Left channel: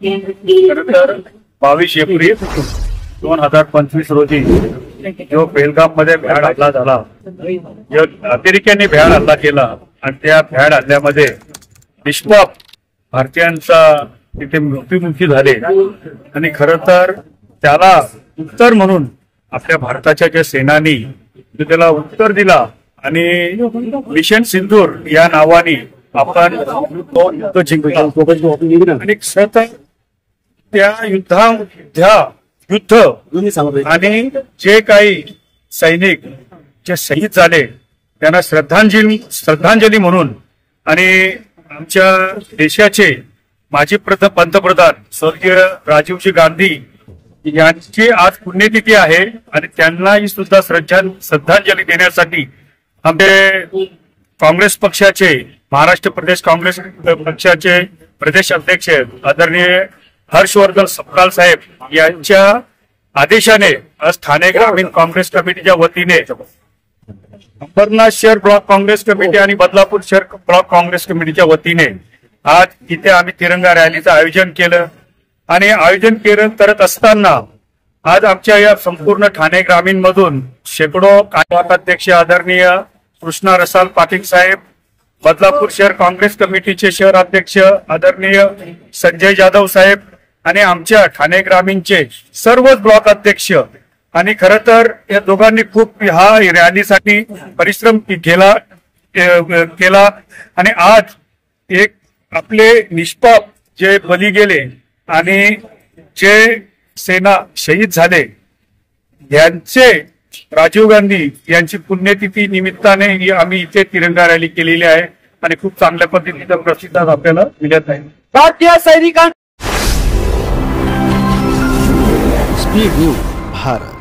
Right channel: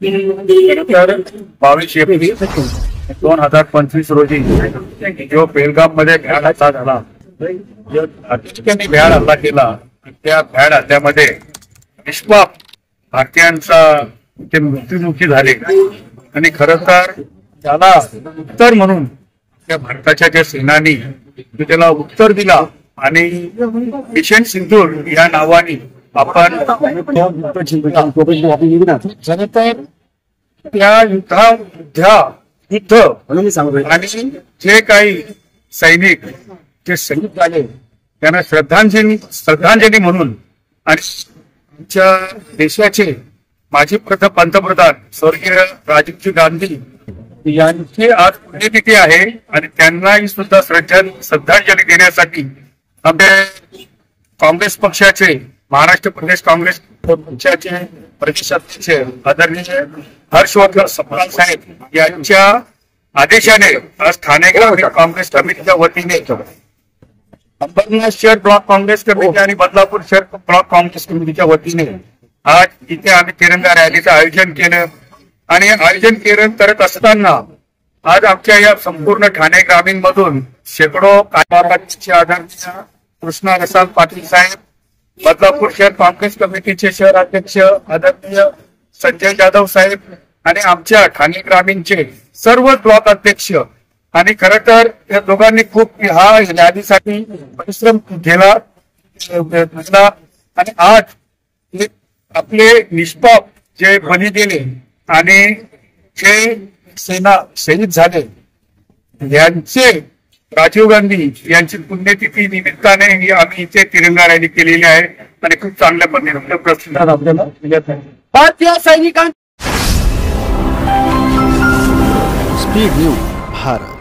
खरं तर 22 एप्रिल 2025 रोजी जो बेलगाम मध्ये भ्याड हल्ला झाला, जो अतिरेक्यांनी भ्याड हल्ला केला आणि त्या भ्याड हल्ल्यामध्ये निष्पाप भारतीयांचा तिथे मृत्युमुखी झाले आणि खरं तर त्याला उत्तर म्हणून आपल्या भारताच्या ज्या सेनानी त्याला उत्तर दिला आणि मिशन सिंदूर या नावाने आपण तो युद्ध जिंकला आणि खरं तर त्या युद्ध आणि जे काही सैनिक जे शहीद झाले त्यांना श्रद्धांजली म्हणून आणि आमच्या देशाचे माजी पंतप्रधान स्वर्गीय राजीवजी गांधी यांची आज पुण्यतिथी आहे आणि त्यांनाही सुद्धा श्रद्धांजली देण्यासाठी आमचे काँग्रेस पक्षाचे महाराष्ट्र प्रदेश काँग्रेस पक्षाचे प्रदेश अध्यक्ष आदरणीय हर्षवर्धन सपकाळ साहेब यांच्या आदेशाने आज ठाणे ग्रामीण काँग्रेस कमिटीच्या वतीने अंबरनाथ शहर ब्लॉक काँग्रेस कमिटी आणि बदलापूर शहर ब्लॉक काँग्रेस कमिटीच्या वतीने आज इथे आम्ही तिरंगा रॅलीचं आयोजन केलं आणि आयोजन करत असताना आज आमच्या या संपूर्ण ठाणे ग्रामीण मधून शेकडो अध्यक्ष आदरणीय कृष्णा रसाल पाटील साहेब, बदलापूर शहर काँग्रेस कमिटीचे शहर अध्यक्ष आदरणीय संजय जाधव साहेब आणि आमच्या ठाणे ग्रामीणचे सर्व ब्लॉक अध्यक्ष आणि खरं तर या दोघांनी खूप हा रॅलीसाठी परिश्रम केला आणि आज एक आपले निष्पाप जे बली गेले आणि जे सेना शहीद झाले यांचे राजीव गांधी यांची पुण्यतिथी निमित्ताने आम्ही इथे तिरंगा रॅली केलेली आहे आणि खूप चांगल्या पद्धतीने प्रतिसाद आपल्याला मिळत आहे. भारतीय सैनिकांना स्पीड न्यूज भारत.